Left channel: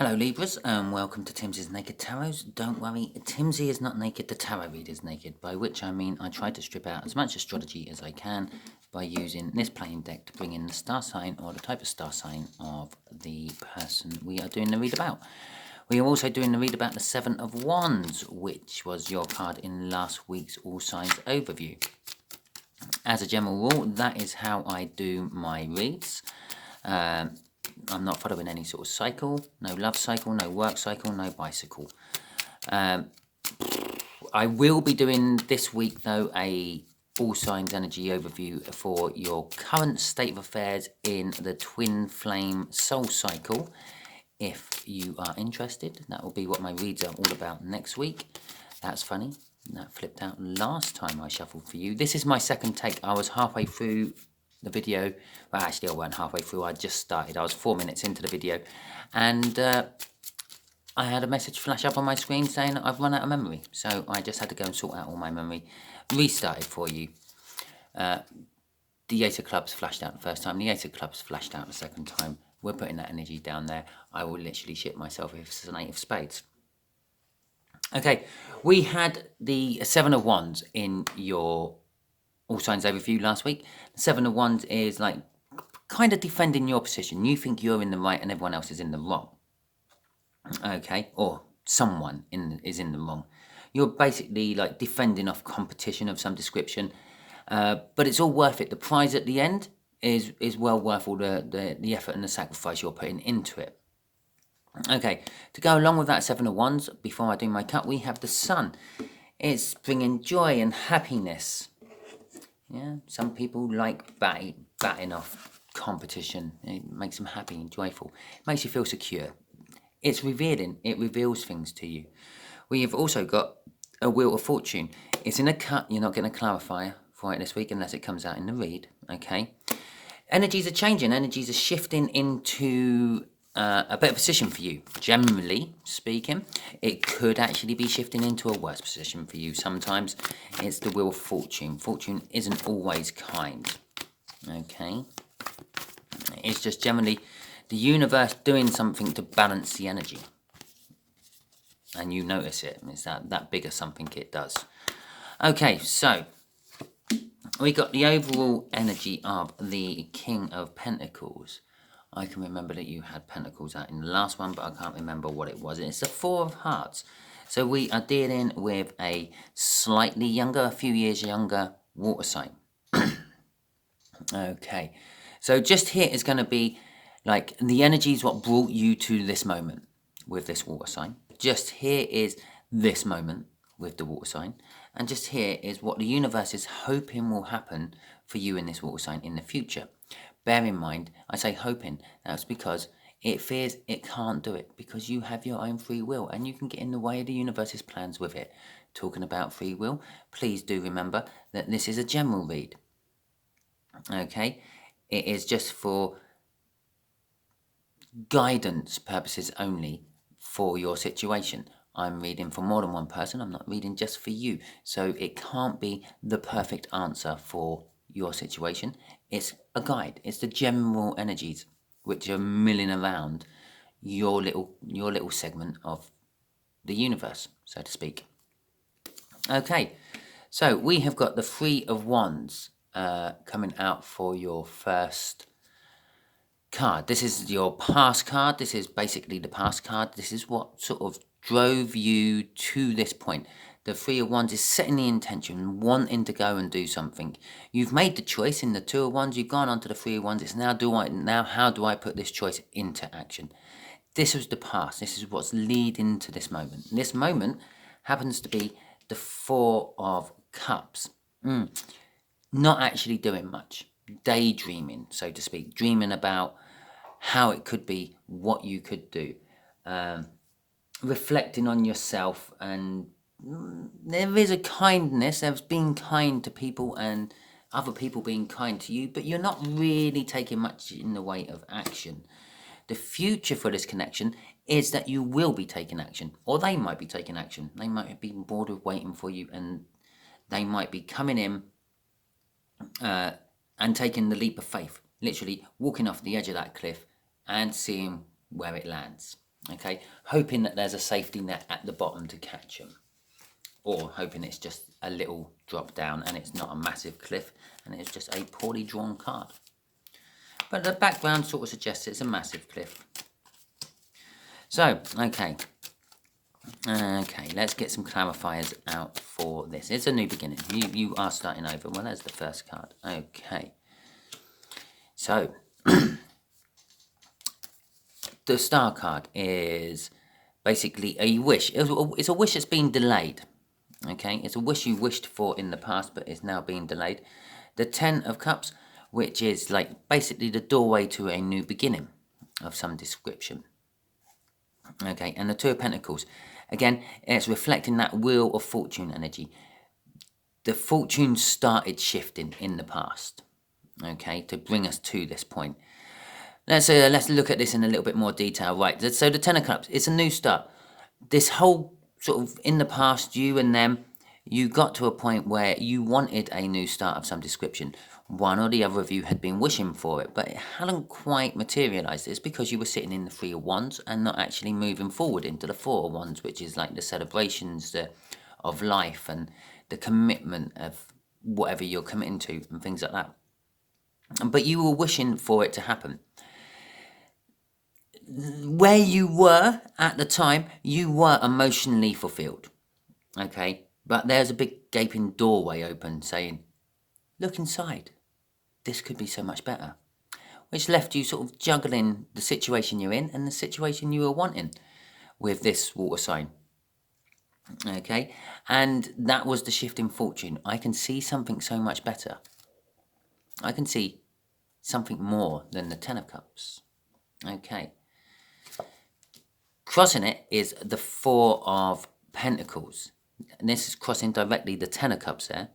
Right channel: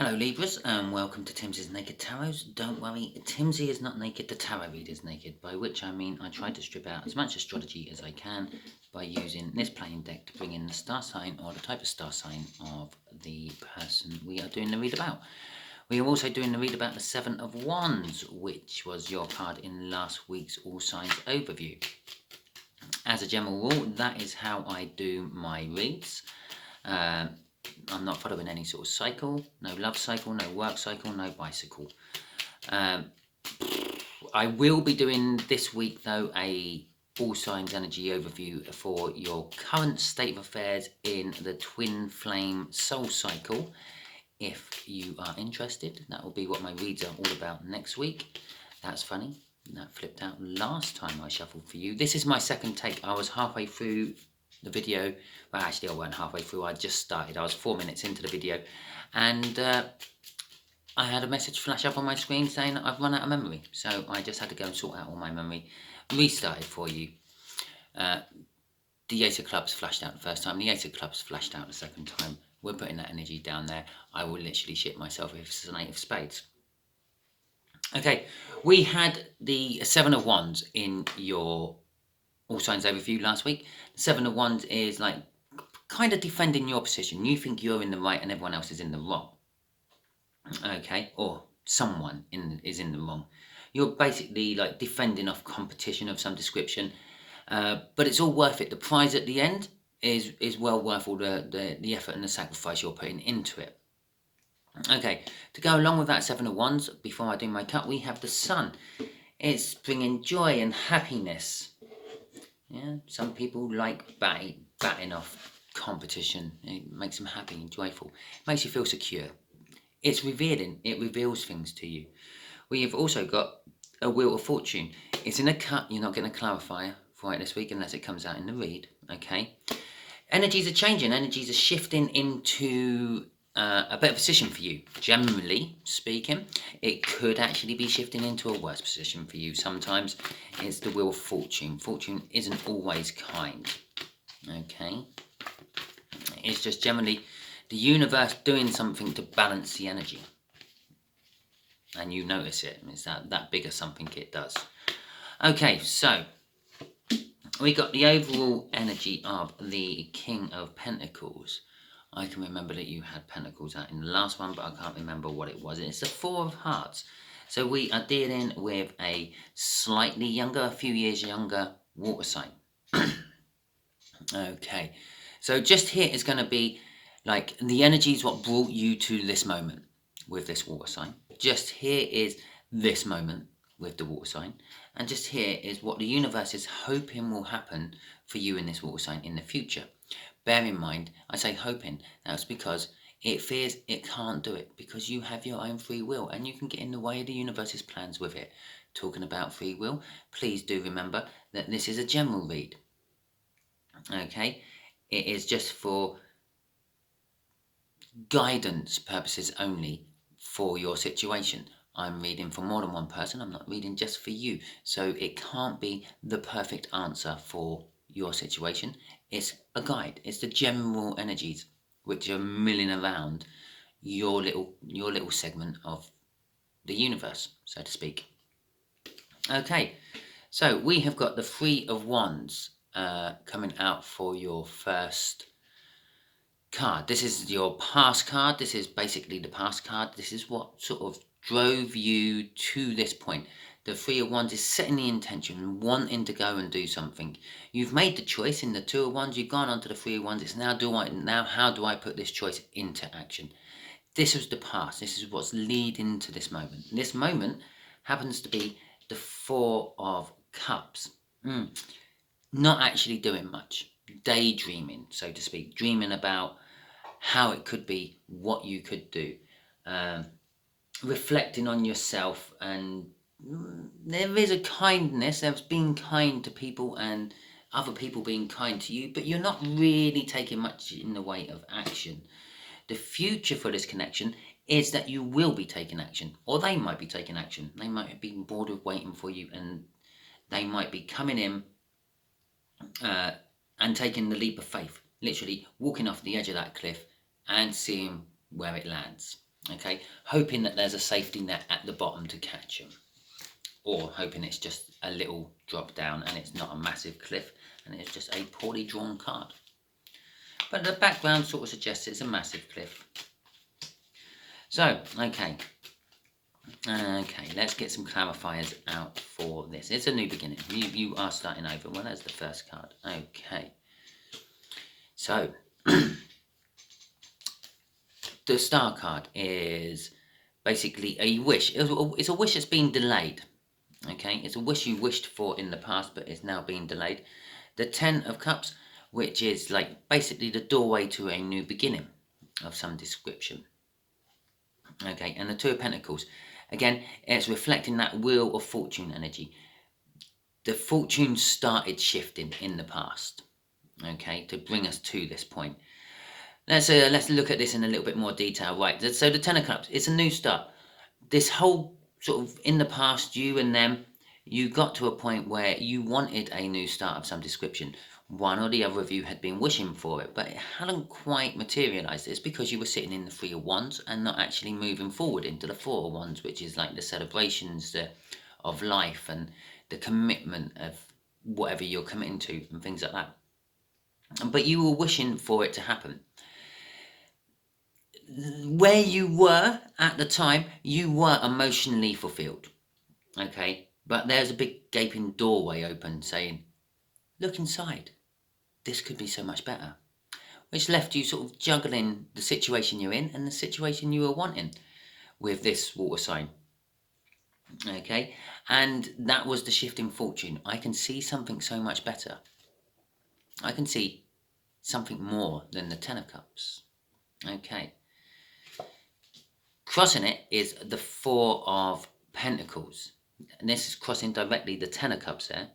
Hello Libras and welcome to Timsy's Naked Tarot. Don't worry, Timsy is not naked, the tarot reader is naked, by which I mean I try to strip out as much astrology as I can by using this playing deck to bring in the star sign or the type of star sign of the person we are doing the read about. We are also doing the read about the Seven of Wands, which was your card in last week's All Signs overview. As a general rule, that is how I do my reads. I'm not following any sort of cycle, no love cycle, no work cycle, no bicycle. I will be doing this week though a all signs energy overview for your current state of affairs in the twin flame soul cycle. If you are interested, that will be what my reads are all about next week. That's funny, that flipped out last time I shuffled for you. This is my second take. I was halfway through the video. Well, actually I weren't halfway through, I just started. I was 4 minutes into the video and I had a message flash up on my screen saying I've run out of memory, so I just had to go and sort out all my memory. Restarted for you. The Ace of Clubs flashed out the first time, the Ace of Clubs flashed out the second time. We're putting that energy down there. I will literally shit myself if it's an 8 of Spades. Okay, we had the Seven of Wands in your All Signs overview last week. The Seven of Wands is like kind of defending your position. You think you're in the right and everyone else is in the wrong. Okay, or someone is in the wrong. You're basically like defending off competition of some description, but it's all worth it. The prize at the end is well worth all the effort and the sacrifice you're putting into it. Okay, to go along with that Seven of Wands, before I do my cut, we have the Sun. It's bringing joy and happiness. Yeah, some people like batting off competition. It makes them happy and joyful. It makes you feel secure. It's revealing. It reveals things to you. We have also got a Wheel of Fortune. It's in a cut. You're not getting a clarifier for it this week unless it comes out in the read. Okay. Energies are changing. Energies are shifting into a better position for you. Generally speaking, it could actually be shifting into a worse position for you. Sometimes it's the Wheel of Fortune. Fortune isn't always kind. Okay. It's just generally the universe doing something to balance the energy. And you notice it. It's that bigger something it does. Okay, so we got the overall energy of the King of Pentacles. I can remember that you had Pentacles out in the last one, but I can't remember what it was. It's the Four of Hearts. So we are dealing with a slightly younger, a few years younger water sign. Okay, so just here is going to be like the energy is what brought you to this moment with this water sign. Just here is this moment with the water sign. And just here is what the universe is hoping will happen for you in this water sign in the future. Bear in mind, I say hoping, that's because it fears it can't do it because you have your own free will and you can get in the way of the universe's plans with it. Talking about free will, please do remember that this is a general read. Okay, it is just for guidance purposes only for your situation. I'm reading for more than one person. I'm not reading just for you. So it can't be the perfect answer for your situation. It's a guide. It's the general energies which are milling around your little segment of the universe, so to speak. Okay, so we have got the Three of Wands coming out for your first card. This is your past card. This is basically the past card. This is what sort of drove you to this point. The Three of Wands is setting the intention, wanting to go and do something. You've made the choice in the Two of Wands. You've gone on to the Three of Wands. It's now how do I put this choice into action? This was the past. This is what's leading to this moment. This moment happens to be the Four of Cups. Not actually doing much. Daydreaming, so to speak. Dreaming about how it could be, what you could do. Reflecting on yourself, and there is a kindness. There's being kind to people and other people being kind to you, but you're not really taking much in the way of action. The future for this connection is that you will be taking action, or they might be taking action. They might be bored of waiting for you, and they might be coming in and taking the leap of faith, literally walking off the edge of that cliff and seeing where it lands. Okay, hoping that there's a safety net at the bottom to catch them, or hoping it's just a little drop down and it's not a massive cliff and it's just a poorly drawn card. But the background sort of suggests it's a massive cliff. So, okay, let's get some clarifiers out for this. It's a new beginning. You are starting over. Well, there's the first card. Okay, so the star card is basically a wish. It's a wish that's been delayed. Okay, it's a wish you wished for in the past, but it's now being delayed. The 10 of Cups, which is like basically the doorway to a new beginning of some description. Okay, and the 2 of Pentacles. Again, it's reflecting that Wheel of Fortune energy. The fortune started shifting in the past, okay, to bring us to this point. Let's look at this in a little bit more detail. Right, so the 10 of Cups, it's a new start. This whole sort of, in the past, you and them, you got to a point where you wanted a new start of some description. One or the other of you had been wishing for it, but it hadn't quite materialized. It's because you were sitting in the 3 of Wands and not actually moving forward into the 4 of Wands, which is like the celebrations of life and the commitment of whatever you're committing to and things like that. But you were wishing for it to happen. Where you were at the time, you were emotionally fulfilled. Okay, but there's a big gaping doorway open saying, look inside. This could be so much better. Which left you sort of juggling the situation you're in and the situation you were wanting with this water sign. Okay, and that was the shift in fortune. I can see something so much better. I can see something more than the 10 of Cups. Okay. Crossing it is the 4 of Pentacles. And this is crossing directly the 10 of Cups there.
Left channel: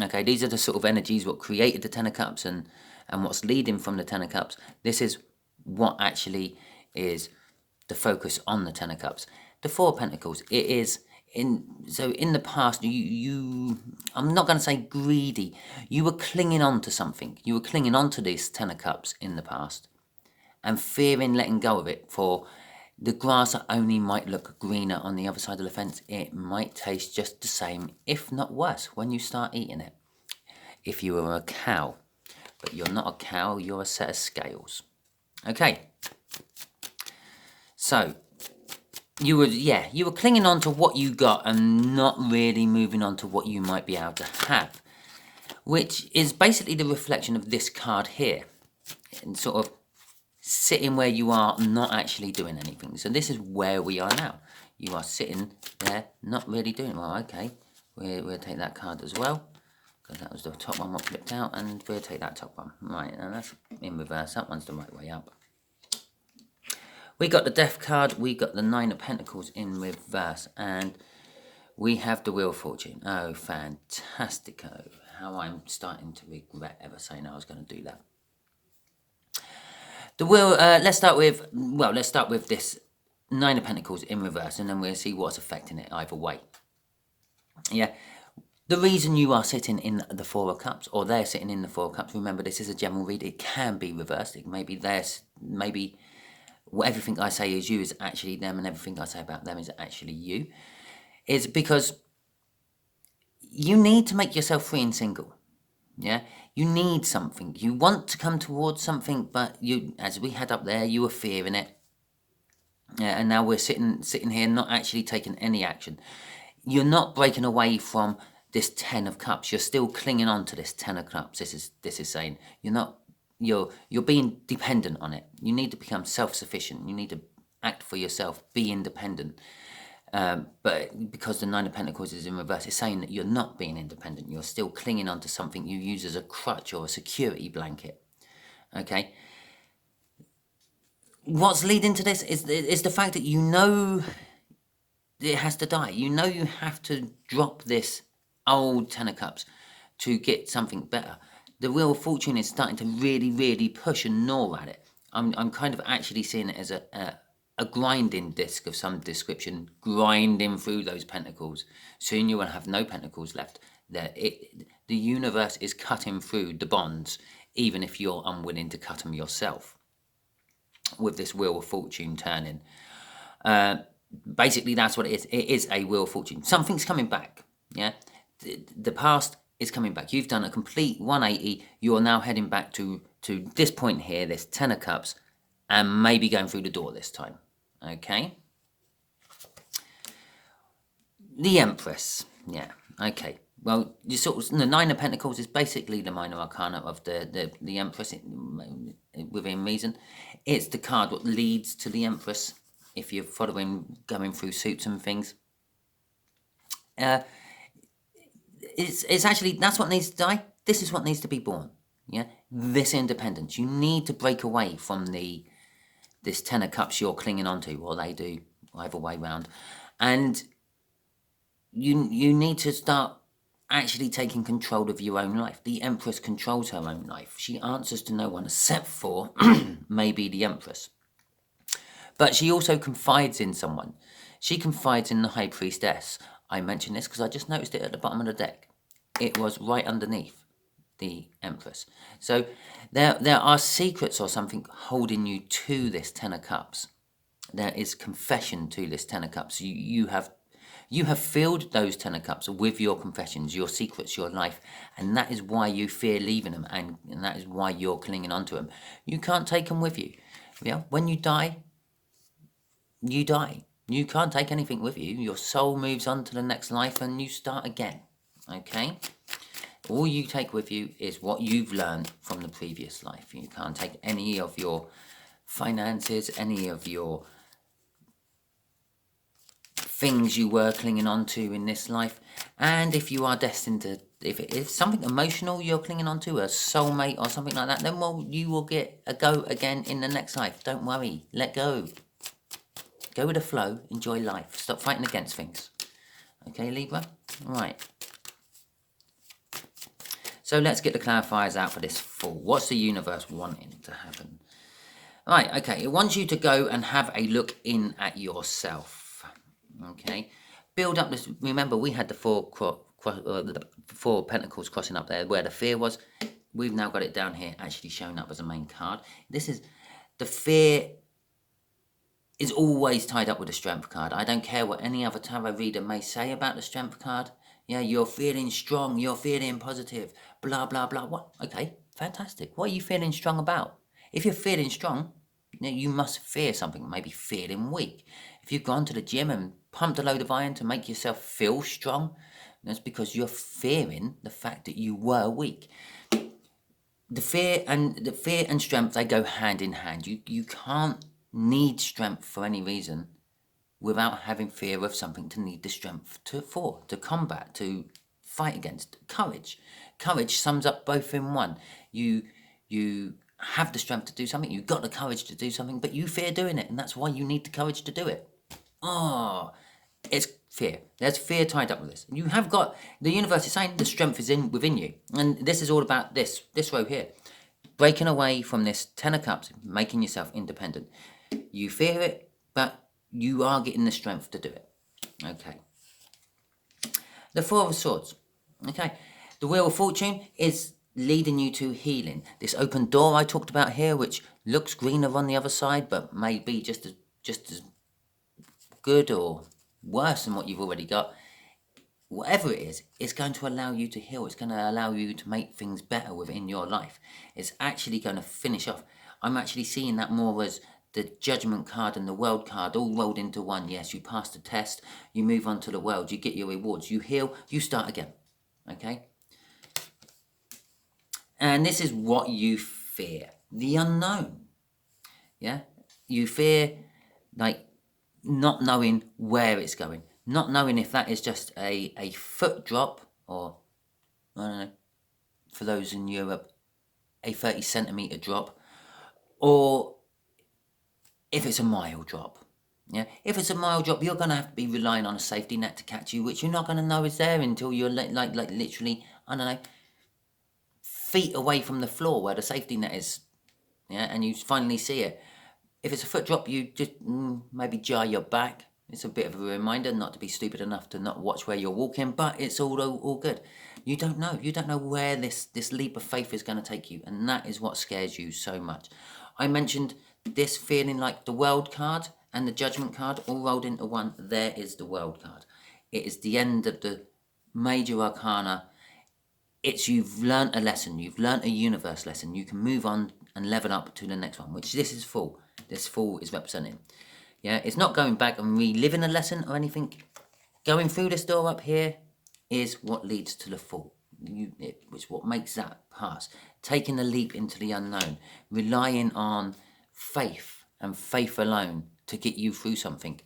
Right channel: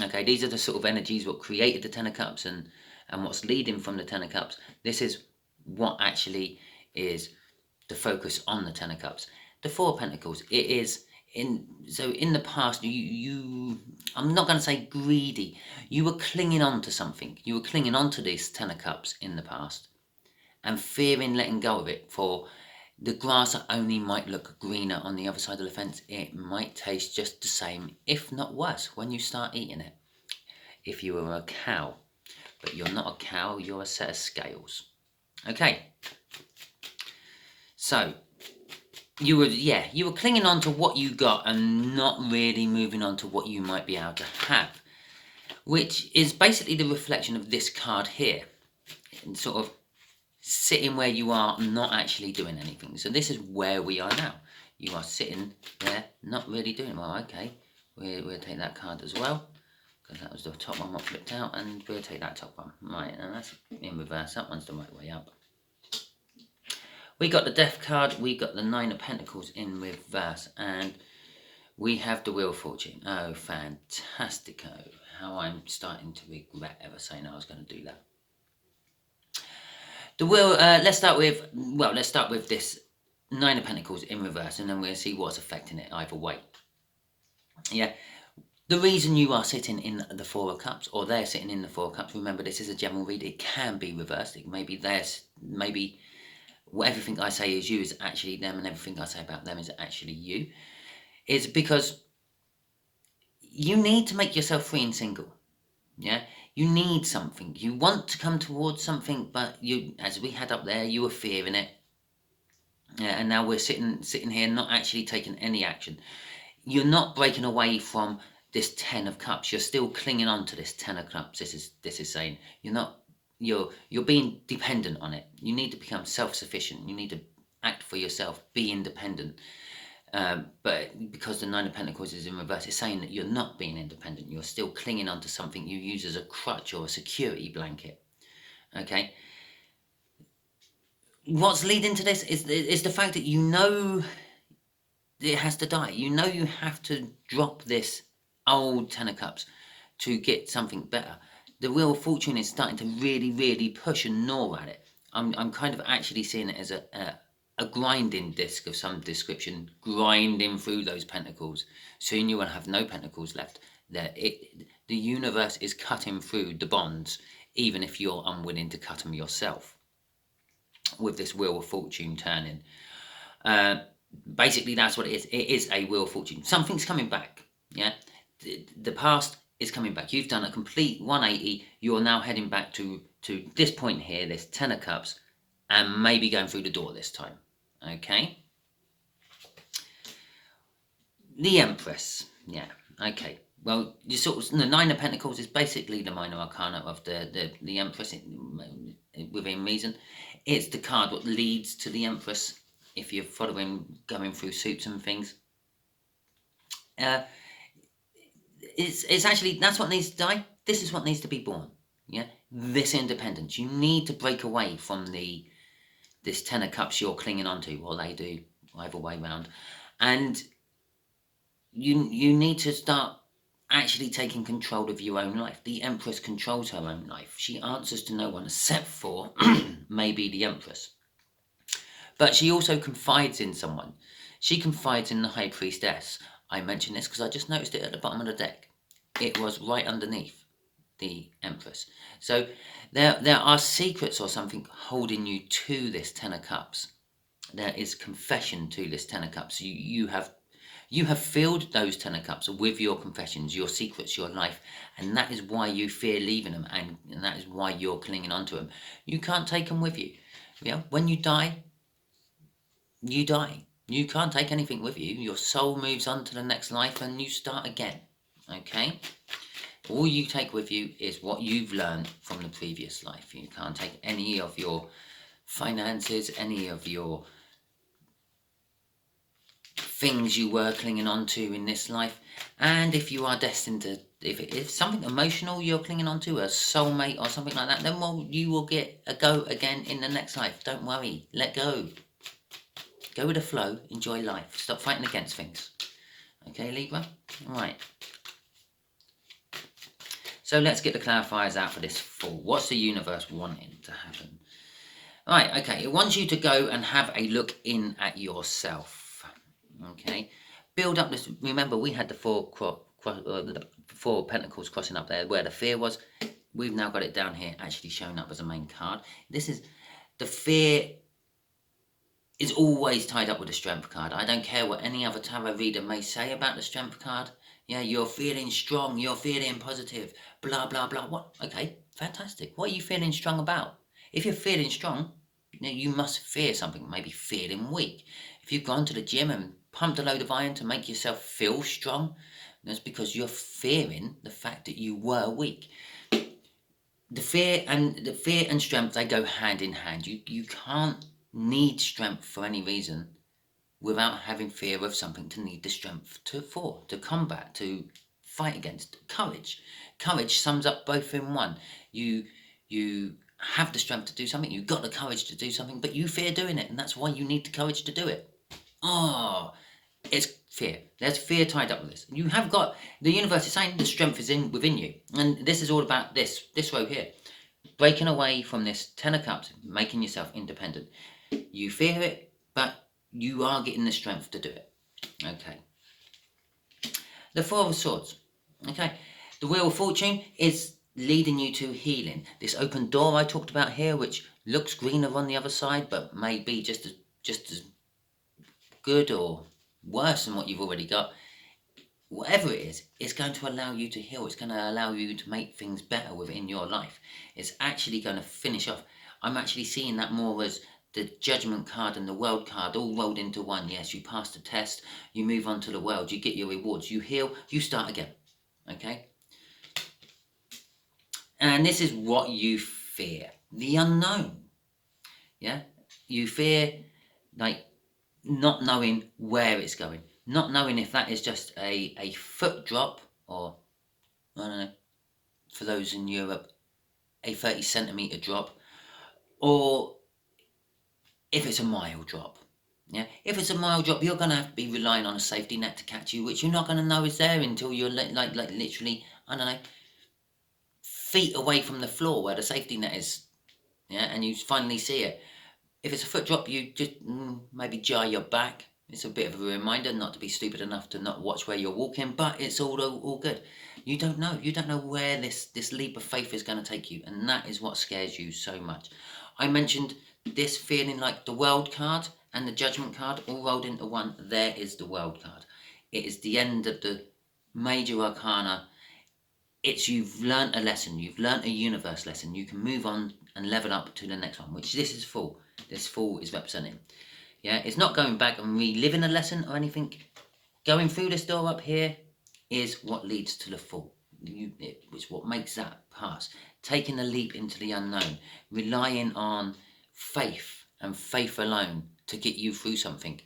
Okay, these are the sort of energies what created the 10 of Cups and what's leading from the 10 of Cups. This is what actually is the focus on the 10 of Cups. The 4 of Pentacles, it is in the past, I'm not going to say greedy. You were clinging on to something. You were clinging on to this 10 of Cups in the past and fearing letting go of it, for the grass only might look greener on the other side of the fence. It might taste just the same, if not worse, when you start eating it. If you were a cow, but you're not a cow, you're a set of scales. Okay. So, you were clinging on to what you got and not really moving on to what you might be able to have, which is basically the reflection of this card here, and sort of sitting where you are, not actually doing anything. So this is where we are now. You are sitting there, not really doing well. Okay, we'll take that card as well, because that was the top one what flipped out, and we'll take that top one. Right, and that's in reverse. That one's the right way up. We got the Death card, we got the 9 of Pentacles in reverse, and we have the Wheel of Fortune. Oh, fantastico. How I'm starting to regret ever saying I was going to do that. The wheel, let's start with this 9 of Pentacles in reverse, and then we'll see what's affecting it either way. Yeah, the reason you are sitting in the 4 of Cups, or they're sitting in the 4 of Cups, remember this is a general read, it can be reversed, it may be theirs, maybe everything I say is you is actually them, and everything I say about them is actually you, is because you need to make yourself free and single. Yeah, you need something. You want to come towards something, but you, as we had up there, you were fearing it. Yeah, and now we're sitting here, not actually taking any action. You're not breaking away from this 10 of Cups. You're still clinging on to this 10 of Cups. This is saying you're not. You're being dependent on it. You need to become self-sufficient. You need to act for yourself. Be independent. But because the 9 of Pentacles is in reverse, it's saying that you're not being independent. You're still clinging on to something you use as a crutch or a security blanket. Okay. What's leading to this is the fact that you know it has to die. You know you have to drop this old 10 of Cups to get something better. The Wheel of Fortune is starting to really, really push and gnaw at it. I'm kind of actually seeing it as a grinding disc of some description, grinding through those pentacles. Soon you will have no pentacles left. The universe is cutting through the bonds, even if you're unwilling to cut them yourself. with this Wheel of Fortune turning. Basically, that's what it is. It is a Wheel of Fortune. Something's coming back. Yeah, the past is coming back. You've done a complete 180. You are now heading back to this point here, this Ten of Cups, and maybe going through the door this time. Okay. The Empress. Yeah. Okay. Well, you sort of, the Nine of Pentacles is basically the minor arcana of the Empress within reason. It's the card that leads to the Empress. If you're following, going through suits and things, it's actually, that's what needs to die. This is what needs to be born. Yeah, this independence. You need to break away from this Ten of Cups you're clinging onto, or they do, either way round, and you need to start actually taking control of your own life. The Empress controls her own life. She answers to no one except for maybe the Empress. But she also confides in someone. She confides in the High Priestess. I mention this because I just noticed it at the bottom of the deck. It was right underneath the Empress. So there are secrets or something holding you to this Ten of Cups. There is confession to this Ten of Cups. You have filled those Ten of Cups with your confessions, your secrets, your life, and that is why you fear leaving them, and that is why you're clinging onto them. You can't take them with you. Yeah, when you die, you die. You can't take anything with you. Your soul moves on to the next life and you start again. Okay? All you take with you is what you've learned from the previous life. You can't take any of your finances, any of your things you were clinging on to in this life. And if you are destined to, if something emotional you're clinging on to, a soulmate or something like that, then well, you will get a go again in the next life. Don't worry. Let go. Go with the flow. Enjoy life. Stop fighting against things. Okay, Libra? Right. So let's get the clarifiers out for this Fool. What's the universe wanting to happen? Right, okay. It wants you to go and have a look in at yourself. Okay. Build up this. Remember, we had the four pentacles crossing up there where the fear was. We've now got it down here actually showing up as a main card. This is the fear is always tied up with the strength card. I don't care what any other tarot reader may say about the strength card. Yeah, you're feeling strong, you're feeling positive, blah, blah, blah. What? Okay, fantastic. What are you feeling strong about? If you're feeling strong, you must fear something, maybe feeling weak. If you've gone to the gym and pumped a load of iron to make yourself feel strong, that's because you're fearing the fact that you were weak. The fear and strength, they go hand in hand. You can't need strength for any reason without having fear of something to need the strength to combat, to fight against. Courage sums up both in one. You have the strength to do something, you've got the courage to do something, but you fear doing it, and that's why you need the courage to do it. It's fear. There's fear tied up with this. You have got, the universe is saying the strength is within you, and this is all about this row here. Breaking away from this Ten of Cups, making yourself independent. You fear it, but you are getting the strength to do it. Okay. The Four of Swords. Okay. The Wheel of Fortune is leading you to healing. This open door I talked about here, which looks greener on the other side, but may be just as good or worse than what you've already got. Whatever it is, it's going to allow you to heal. It's going to allow you to make things better within your life. It's actually going to finish off. I'm actually seeing that more as the Judgment card and the World card all rolled into one. Yes, you pass the test, you move on to the world, you get your rewards, you heal, you start again. Okay? And this is what you fear. The unknown. Yeah? You fear, like, not knowing where it's going. Not knowing if that is just a foot drop, or, I don't know, for those in Europe, a 30 centimetre drop, or if it's a mile drop. Yeah, if it's a mile drop, you're going to have to be relying on a safety net to catch you, which you're not going to know is there until you're like literally, I don't know, feet away from the floor where the safety net is. Yeah, and you finally see it. If it's a foot drop, you just maybe jar your back. It's a bit of a reminder not to be stupid enough to not watch where you're walking, but it's all good. You don't know. You don't know where this leap of faith is going to take you, and that is what scares you so much. I mentioned this feeling like the World card and the Judgment card all rolled into one, there is the World card. It is the end of the major arcana. It's you've learnt a lesson, you've learnt a universe lesson. You can move on and level up to the next one, which this is Fool. This Fool is representing. Yeah, it's not going back and reliving a lesson or anything. Going through this door up here is what leads to the Fool. It's what makes that pass. Taking a leap into the unknown, relying on faith and faith alone to get you through something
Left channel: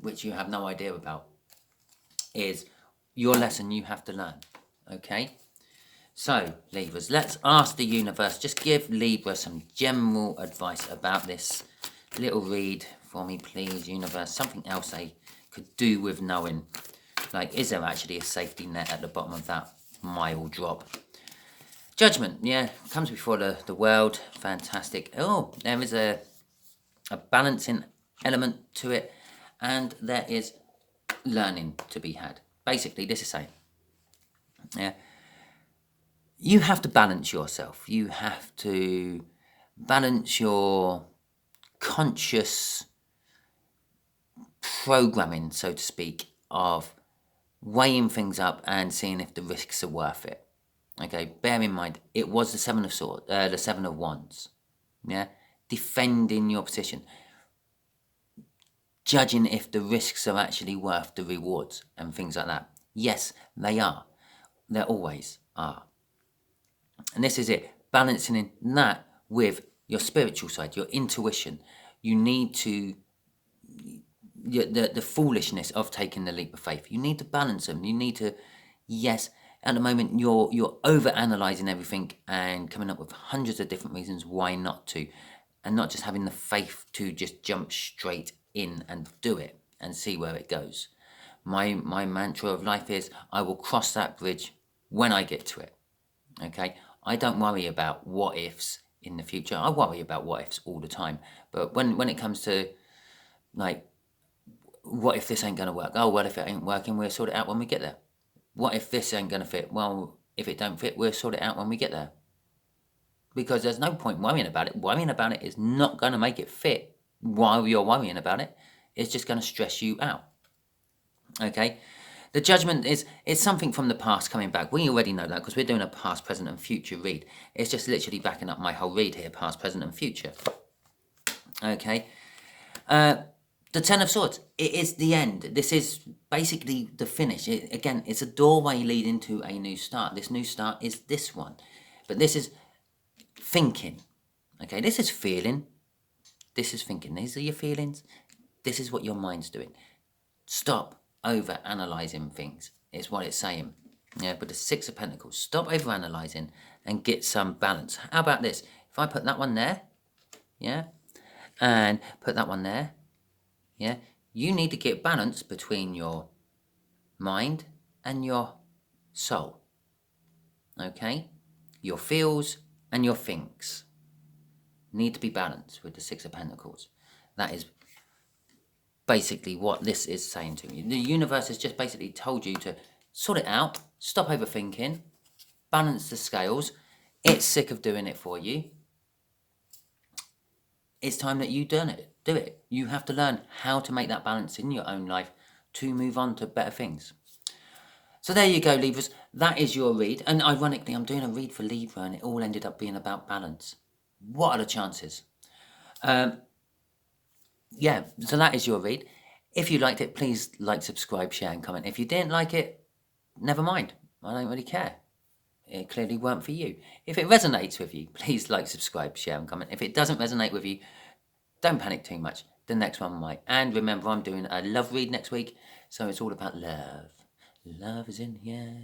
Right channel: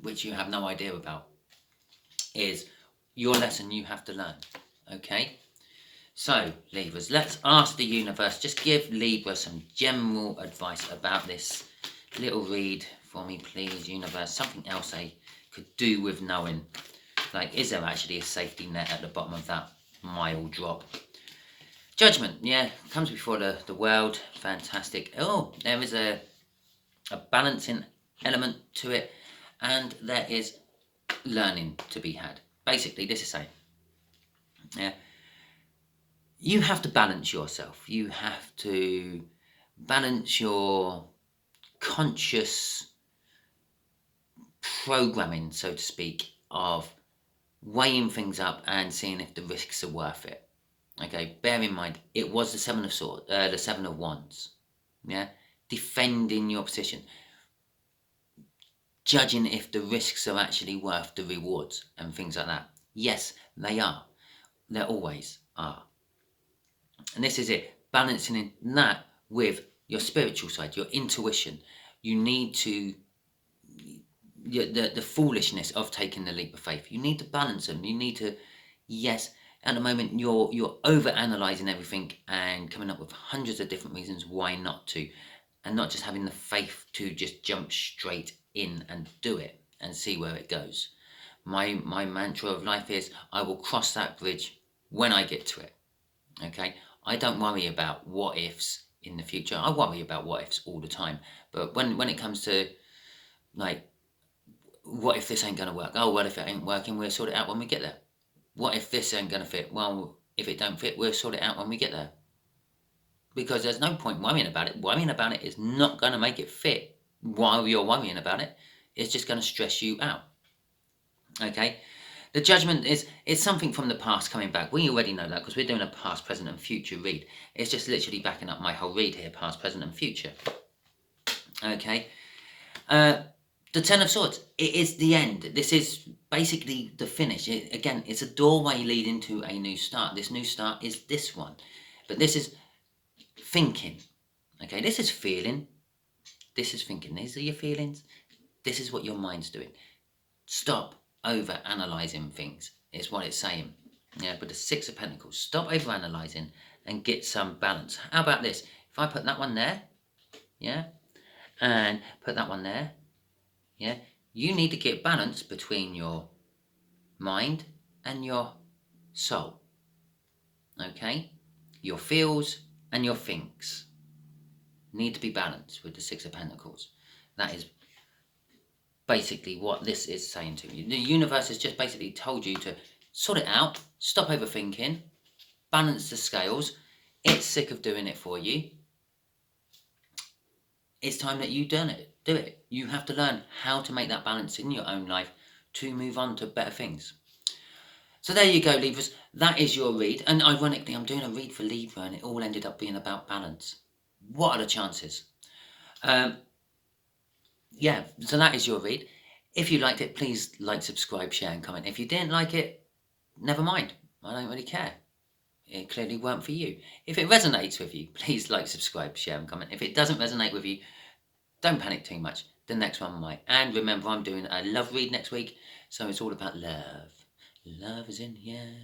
which you have no idea about is your lesson you have to learn. Okay, so Libras, let's ask the universe, just give Libra some general advice about this little read for me, please, universe. Something else they could do with knowing, like, is there actually a safety net at the bottom of that mile drop? Judgment, yeah, comes before the world. Fantastic. Oh, there is a balancing element to it, and there is learning to be had. Basically, this is saying, yeah, you have to balance yourself. You have to balance your conscious programming, so to speak, of weighing things up and seeing if the risks are worth it. Okay, bear in mind, it was the Seven of Swords, the Seven of Wands. Yeah, defending your position, judging if the risks are actually worth the rewards and things like that. Yes, they are. They always are. And this is it, balancing in that with your spiritual side, your intuition. You need to, the foolishness of taking the leap of faith. You need to balance them. You need to, yes, at the moment you're over analyzing everything and coming up with hundreds of different reasons why not to, and not just having the faith to just jump straight in and do it and see where it goes. My mantra of life is, I will cross that bridge when I get to it. Okay, I don't worry about what ifs in the future. I worry about what ifs all the time, but when it comes to, like, what if this ain't going to work? Oh, well, if it ain't working, we'll sort it out when we get there. What if this ain't going to fit? Well, if it don't fit, we'll sort it out when we get there. Because there's no point worrying about it. Worrying about it is not going to make it fit while you're worrying about it. It's just going to stress you out. Okay? The Judgment is, it's something from the past coming back. We already know that because we're doing a past, present and future read. It's just literally backing up my whole read here, past, present and future. Okay? The Ten of Swords, it is the end. This is basically the finish. Again, it's a doorway leading to a new start. This new start is this one. But this is thinking. Okay, this is feeling. This is thinking. These are your feelings. This is what your mind's doing. Stop over-analysing things is what it's saying. Yeah, with the Six of Pentacles. Stop over-analysing and get some balance. How about this? If I put that one there, yeah, and put that one there, yeah, you need to get balance between your mind and your soul. Okay? Your feels and your thinks need to be balanced with the Six of Pentacles. That is basically what this is saying to you. The universe has just basically told you to sort it out, stop overthinking, balance the scales. It's sick of doing it for you. It's time that you do it. You have to learn how to make that balance in your own life to move on to better things. So there you go, Libras. That is your read. And ironically, I'm doing a read for Libra and it all ended up being about balance. What are the chances? Yeah, so that is your read. If you liked it, please like, subscribe, share and comment. If you didn't like it, never mind. I don't really care. It clearly weren't for you. If it resonates with you, please like, subscribe, share and comment. If it doesn't resonate with you, don't panic too much. The next one might. And remember, I'm doing a love read next week. So it's all about love. Love is in here.